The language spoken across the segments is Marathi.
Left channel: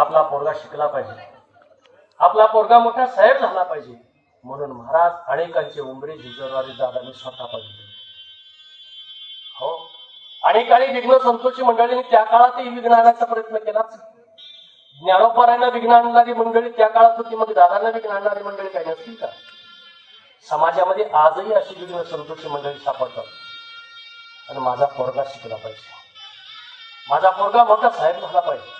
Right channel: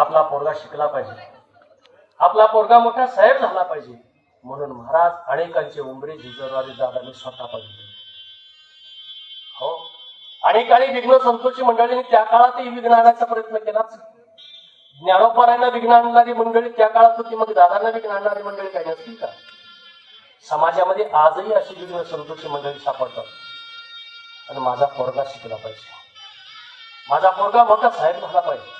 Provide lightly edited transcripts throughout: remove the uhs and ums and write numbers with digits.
आपला पोरगा शिकला पाहिजे, आपला पोरगा मोठा साहेब झाला पाहिजे म्हणून महाराज अनेकांची उमरी झिजवणारी दादांनी स्वतः पाहिजे. हो, अनेकांनी विघ्न संतोषी मंडळींनी त्या काळातही विघ्न आणण्याचा प्रयत्न केलाच. ज्ञानोबारायांना विघ्न आणणारी मंडळी त्या काळात होती, मग दादांना विघ्न आणणारी मंडळी काही नसतील का? समाजामध्ये आजही अशी विघ्न संतोषी मंडळी सापडतात. आणि माझा पोरगा शिकला पाहिजे, माझा पोरगा मोठा साहेब झाला पाहिजे,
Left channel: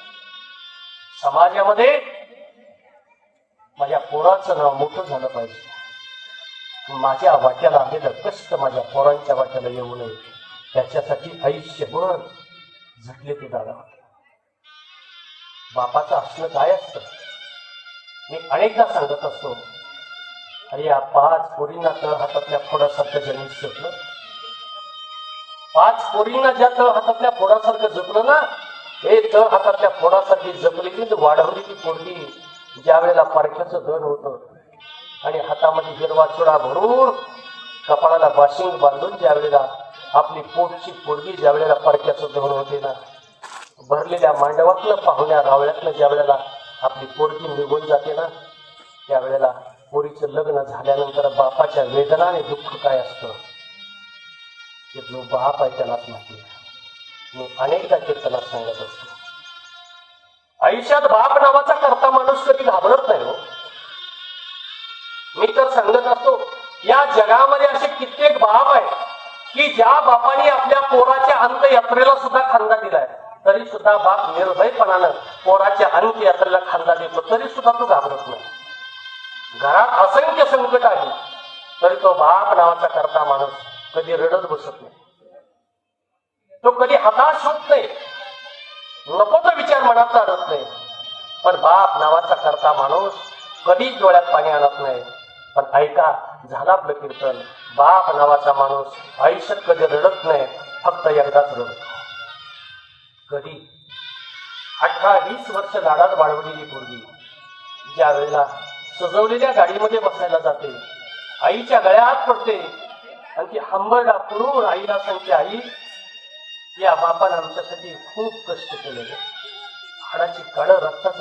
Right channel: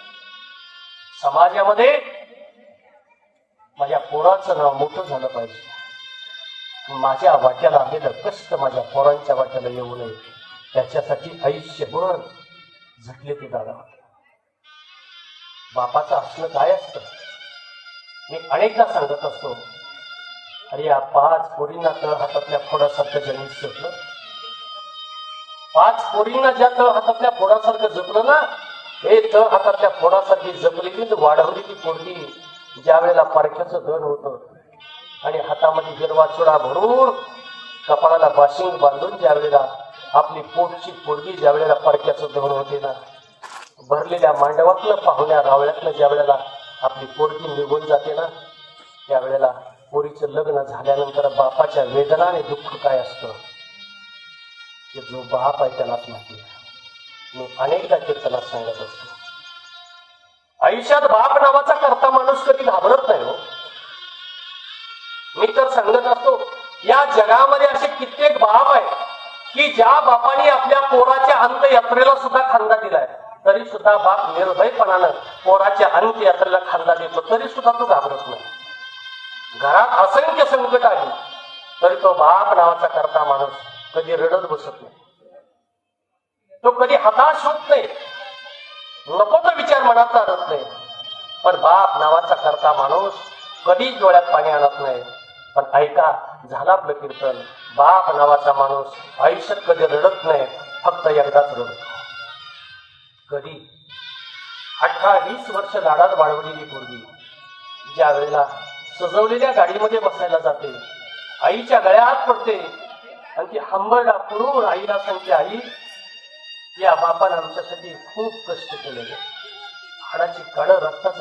समाजामध्ये माझ्या पोराचं नाव मोठं झालं पाहिजे, माझ्या वाट्याला आलेलं कष्ट माझ्या पोरांच्या वाट्याला येऊ नये त्याच्यासाठी आयुष्यभर झटले ते दादा होते. बापाचं असणं काय असतं मी अनेकदा सांगत असतो. अरे या 5 पोरींना तळ हातातल्या फोडासारखं जनित जपलं, 5 पोरींना ज्या तळ हातातल्या फोडासारखं जपलं ना, हे तळ हातातल्या फोडासारखी जपली की वाढवली ती पोरगी ज्या वेळेला पारख्याचं दण होतं आणि हातामध्ये हिरवा चुडा भरून कपाळाला बाशिंग बांधून ज्या वेळेला आपली पोटची पोरगी ज्या वेळेला पारख्याचं दण होते ना, भरलेल्या मांडवातलं पाहुण्या रावळ्यातलं ज्या वेळेला आपली पोरगी निघून जाते ना, त्यावेळेला पोरीचं लग्न झाल्यानंतर बापाच्या वेदना आणि दुःख काय असतं ते जो बाप आहे त्यालाच माहिती. मी अनेकदा कीर्तनात सांगत असतो, आयुष्यात बाप नावाचा करता माणूस कधी घाबरत नाही हो. मी तर सांगत असतो, या जगामध्ये असे कित्येक बाप आहेत की ज्या बापाने आपल्या पोराच्या अंत्ययात्रेला सुद्धा खांदा दिलाय, तरी सुद्धा बाप निर्भयपणानं पोराच्या अंत्ययात्रेला खांदा देतो, तरी सुद्धा तो घाबरत नाही. घरात असंख्य संकट आहे तरी तो बाप नावाचा करता माणूस कधी रडत बसत नाही, तो कधी हताश होत नाही, नको तो विचार मनात आणत नाही. पण बाप नावाचा करता माणूस कधी डोळ्यात पाणी आणत नाही. पण ऐका, झाला आपलं कीर्तन, बाप नावाचा माणूस आयुष्यात कधी रडत नाही, फक्त एकदाच रडतो. कधी 18-20 वर्ष लाडात वाढवलेली पोरगी ज्या वेळेला सजवलेल्या गाडीमध्ये बसायला जाते, आईच्या गळ्यात पडते आणि ती हंबरडा पुरून आईला सांगते, आई या बापाने आमच्यासाठी खूप कष्ट केलेले, हाडाची कण रक्ताचं